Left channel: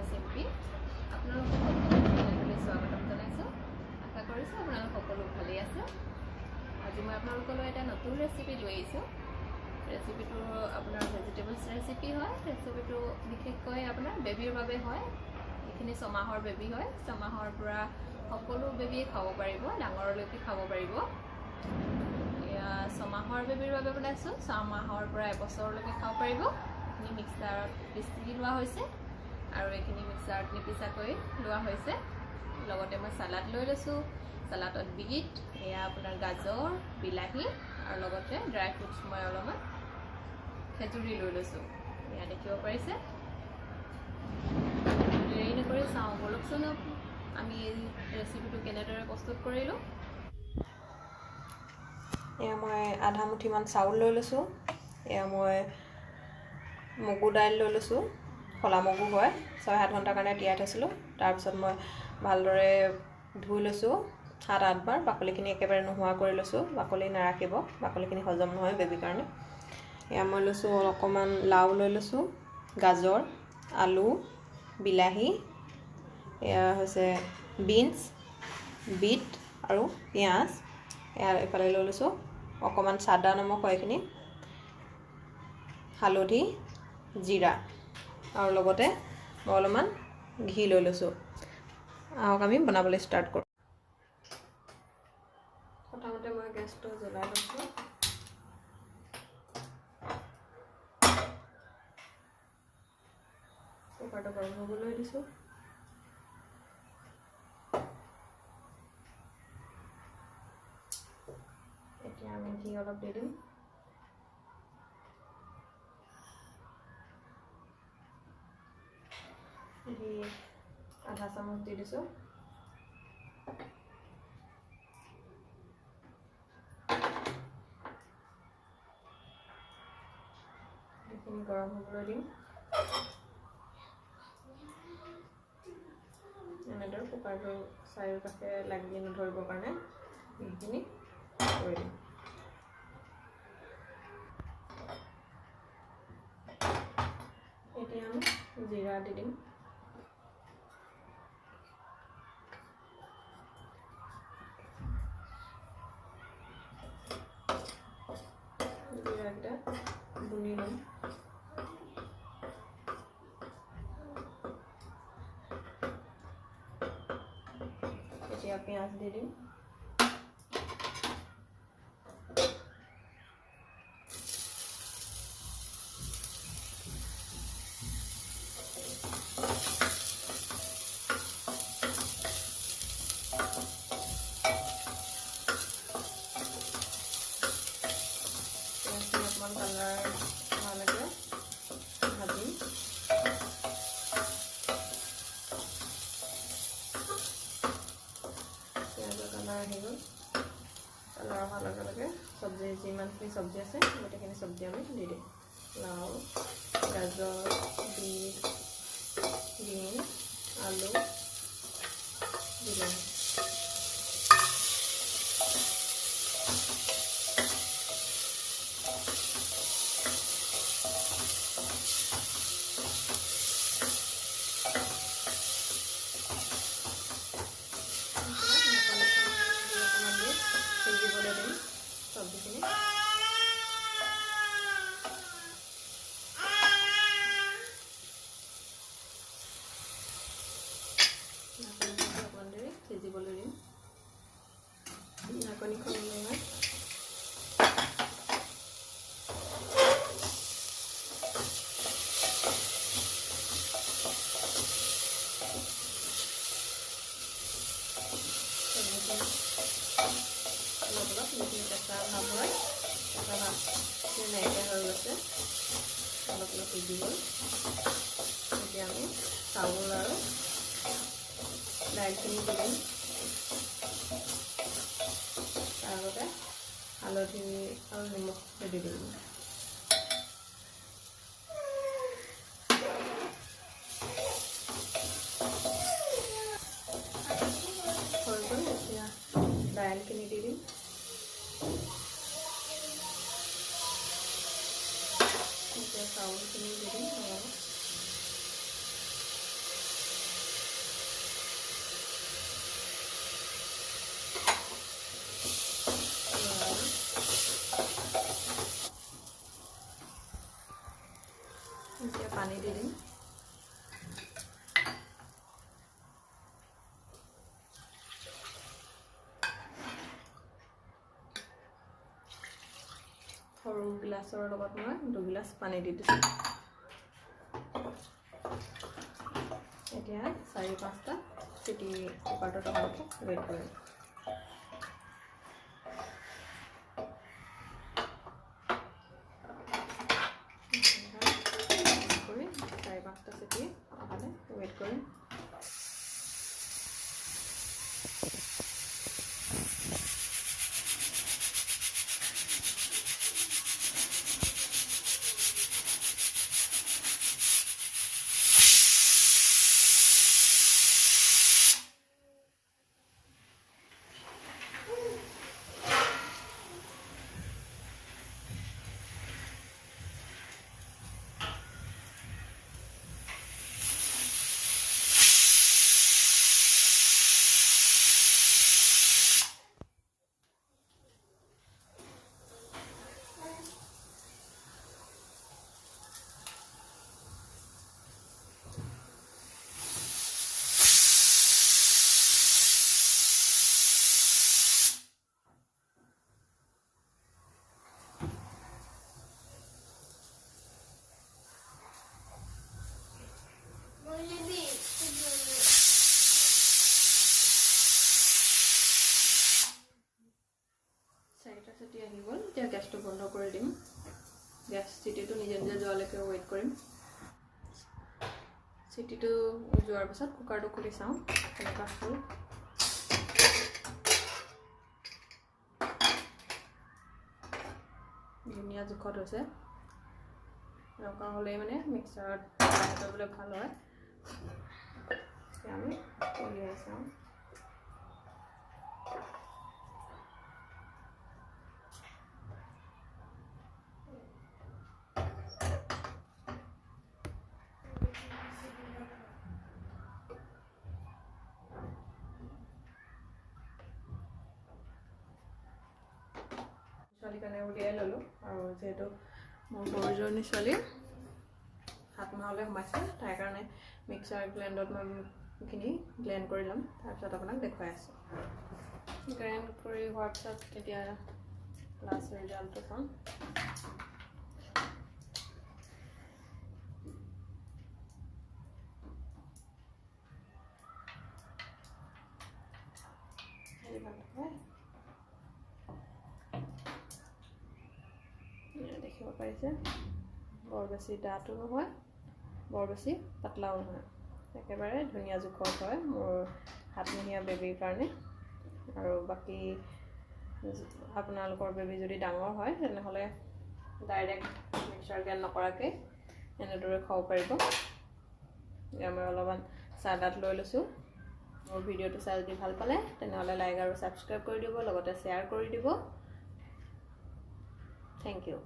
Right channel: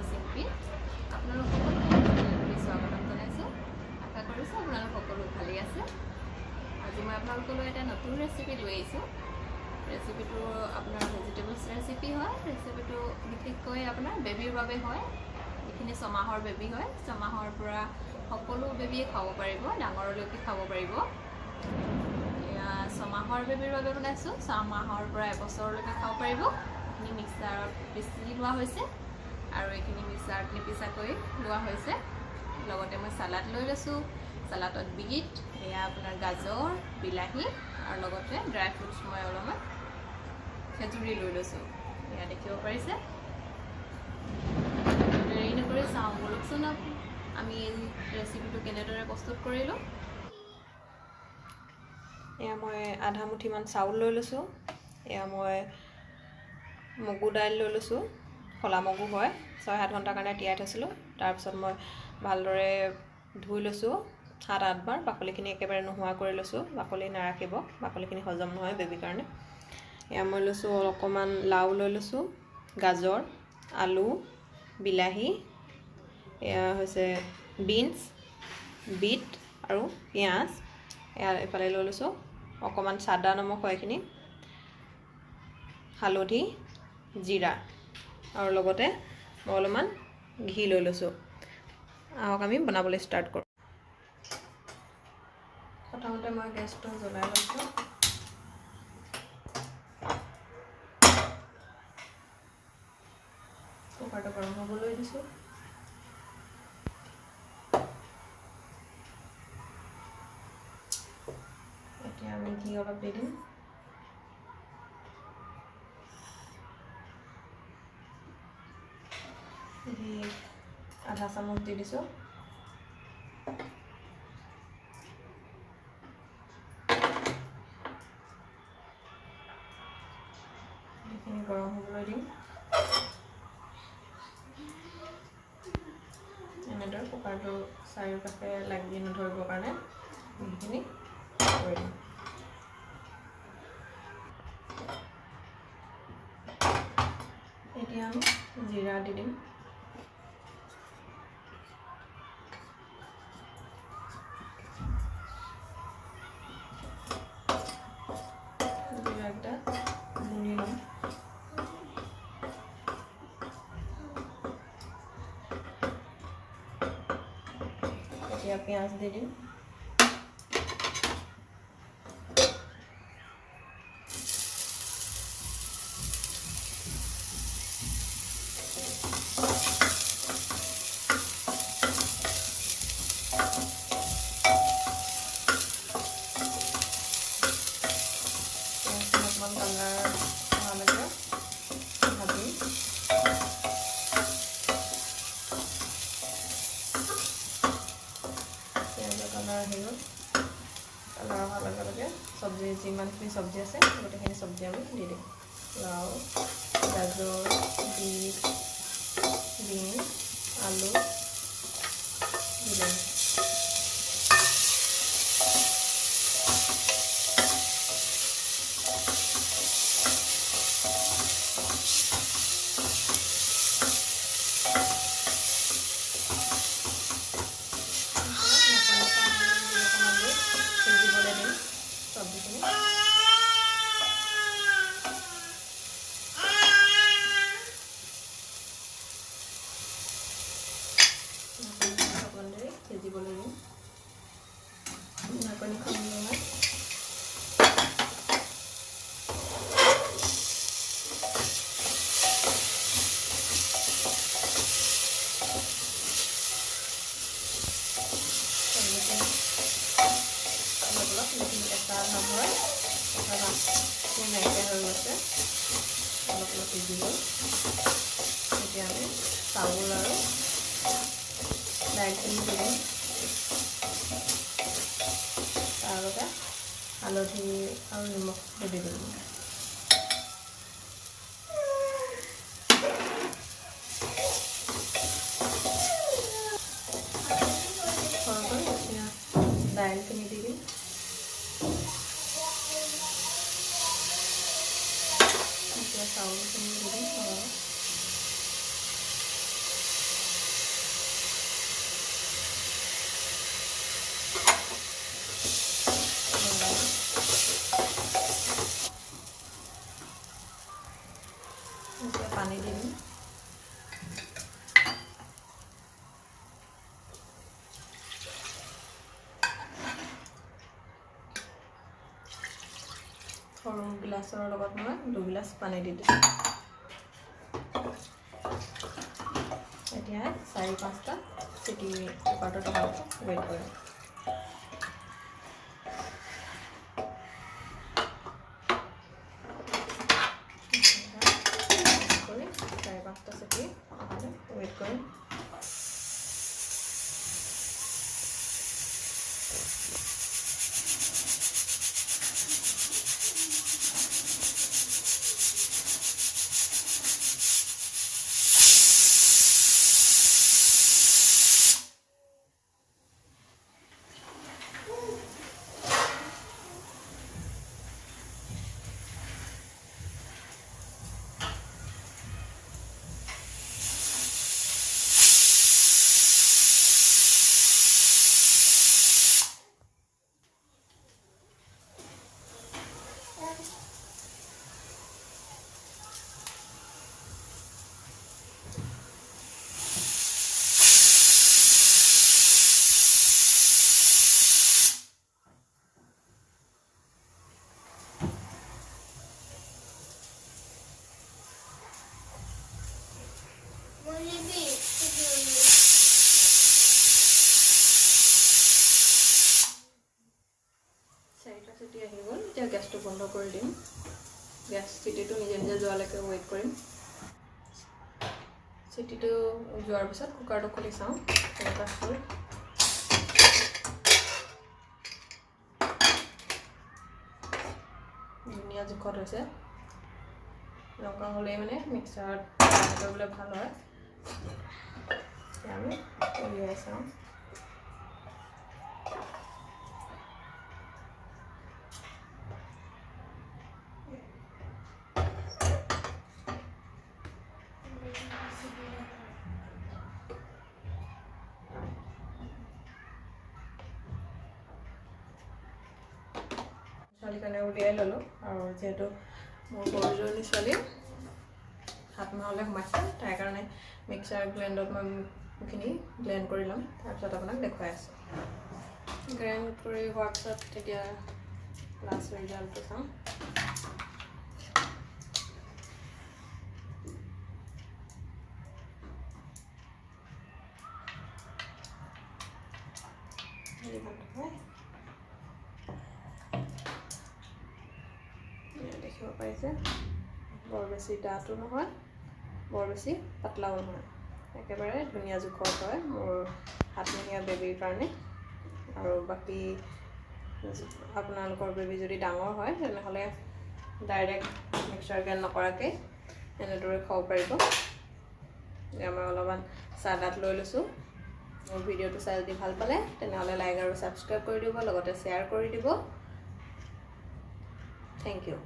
মই চিম্পি আপোনালোক সকলোকে স্বাগতম জনাইছোঁ। আশা কৰিছোঁ আপোনালোক সকলো ভালেই আছে। আজি মই আপোনালোকলৈ এটা নতুন ৰেচিপি লৈ আহিছোঁ। ৰেচিপিটো আপোনাৰ ভেজিটেবলছ ৰেচিপি হয়। ৰেচিপিটো বিশেষকৈ আপোনাৰ বেবীৰ বাবে হয়। যিখিনি ছমাহৰ বেবী হয়, ছমাহৰ পৰা সকলো বেবীয়ে খাব পাৰিব, ডাঙৰলৈকে খাব পাৰিব। এয়া ছমাহৰ বেবীৰ বাবে বনাইছোঁ। ছমাহৰ পৰা এবছৰলৈকে খাব পাৰিব। এইখিনি মিক্সাৰত পিচি লোৱা হৈছে আৰু এইখিনি মিক্সাৰত নিপিচাকৈ লোৱা হৈছে। লগতে মই চালাড লৈ লৈছোঁ। চালাডত বিট, এয়া আপোনাৰ গাজৰ, বিলাহী আৰু লগতে ড্ৰাই ফ্ৰুটছ মই অলপমান খেজুৰি লৈ লৈছোঁ। এয়া দেখিব পাৰিছে। দেৰি নকৰি চাওঁ বলকচোন আমি এই ৰেচিপিটো কেনেদৰে প্ৰস্তুত কৰিলোঁ। এয়া মই আধা মুঠিমান চাউল লৈ লৈছোঁ। এয়া মই মগু দাইল লৈ লৈছোঁ। ফলা মগু হয়, 6-7 ঘণ্টাৰ কাৰণে তিয়াই থৈছিলোঁ। তাৰপিছত মই ভালদৰে ধুই লৈছোঁ 7-8 বাৰ। বাকলিখিনি একেবাৰে নোহোৱা কৰি লৈছোঁ। বাকলি নাৰাখিব, বাকলিখিনি হজম নহয় বেবীৰ কাৰণে। এয়া মই লৈছোঁ অকণমান লাও লৈ লৈছোঁ, গাজৰ, আলু, বিলাহী, এয়া হৈছে বিনছ, বিট আৰু পিঁয়াজ। এয়া এইফালে লৈ লৈছোঁ অকণমান চাদা নিমখ হয় এইখিনি, হালধি, জিৰা আৰু লগতে মই অলপমান ঘি লৈ লৈছোঁ। আহক আমি বনাবলৈ ষ্টাৰ্ট কৰোঁ। প্ৰথমতে মই গেছটো জ্বলাই লৈছোঁ। কুকাৰটো গৰম হ'বলৈ দিছোঁ। এতিয়া আমি ঘি অলপ দি দিম। ঘি আধা চামুচ দি দিছোঁ। ঘিখিনি গৰম হ'বলৈ দিম। এনেদৰে কুকাৰটো চাৰিওকাষে লাগি নধৰিবৰ কাৰণে ঘিখিনি কৰি দিম। এতিয়া আমি জিৰা দি দিম। জিৰাকেইটা গুৰি ল'ম। এতিয়া পিঁয়াজ দি দিম। অকণমান কালাৰ হোৱালৈকে ভাজি পিঁয়াজৰ কালাৰ আহি গ'ল। কালাৰ অহাৰ লগে লগে চব্জি যিমানখিনি চব্জি আছে গোটেইখিনি চব্জি আমি দি দিম। লাও, গাজৰ, বিট, বিন, আলু, বিলাহী। সিজিবলৈ দিম চব্জিখিনি। সিজিবলৈ দিম। ঢাকনি খুলি মই যিখিনি কেঁচা ভাৱ হয়, কেঁচা ভাৱখিনি নাইকিয়া হৈ গৈছে, অলপ অলপ সিজি গ'ল। এতিয়া আমি চাউল আৰু দাইলখিনি দি দিম। তাৰ আগতে হালধি আৰু নিমখটো দি দিম। এতিয়া দাইলখিনি দি দিম। এতিয়া চাউলখিনি দি দিম। পানী দি দিম। সৰু গিলাচৰ লগত মই 2 গিলাচ পানী দি দিছোঁ। এতিয়া 4-5টা চিটি কুকাৰটোত অহালৈকে ৱেইট কৰিম। 4-5টা চিটি অহালে ৱেইট কৰিম। চাৰিটা চিটি আহি গ'ল। এতিয়া গেছটো বন্ধ কৰি দিম। গেছ চিটিটো নিজে নিজে যোৱালৈকে ৱেইট কৰিম। চিটিটো যোৱাৰ পিছত কুকাৰটো খুলি চাওঁ কেনেকুৱা হ'ল। ধুনীয়া জোখত হৈছে। এনেকুৱা হ'লেই মানে মিক্সাৰত কৰিবলৈ ভাল হয়। আমি উলিয়াই চাওঁ। ছোৱালীৰ কাৰণে উলিয়াই ল'লোঁ আৰু যিহেতু মোৰ সৰুজনী ছোৱালী 7 মাহলৈ সোমাইছে, তাৰ কাৰণে মিক্সাৰ গ্ৰাইণ্ডত মই এইখিনি ব্লেণ্ড কৰি ল'ম। তাৰপিছত আপোনাক দেখুৱাই আছোঁ। গ্ৰাইণ্ড কৰি হোৱাৰ পিছত এতিয়া লাষ্ট ৰিজাল্টটো চাওঁ। দেখিব পাৰিছে বৰ বেছি ডাঠো নহয়, বৰ বেছি পাতলাও নহয়, একেবাৰে ধুনীয়া জোখত হয় মোৰ 7 মহীয়া বেবীৰ কাৰণে। আৰু বাকী আপোনালোকৰ বেবী যদি ডাঙৰ হয় তেনেহ'লে ডাইৰেক্ট মিক্সাৰ গ্ৰাইণ্ড নকৰাকৈ এনেদৰে খাব পাৰিব। মই অলপমান চালাড লৈ লৈছোঁ। মোৰ ভিডিঅ'টো চাই যদি ভাল পালে তেনেহ'লে লাইক আৰু ছাবস্ক্ৰাইব কৰি দিব, লগতে শ্বেয়াৰ কৰি দিব। Thank U.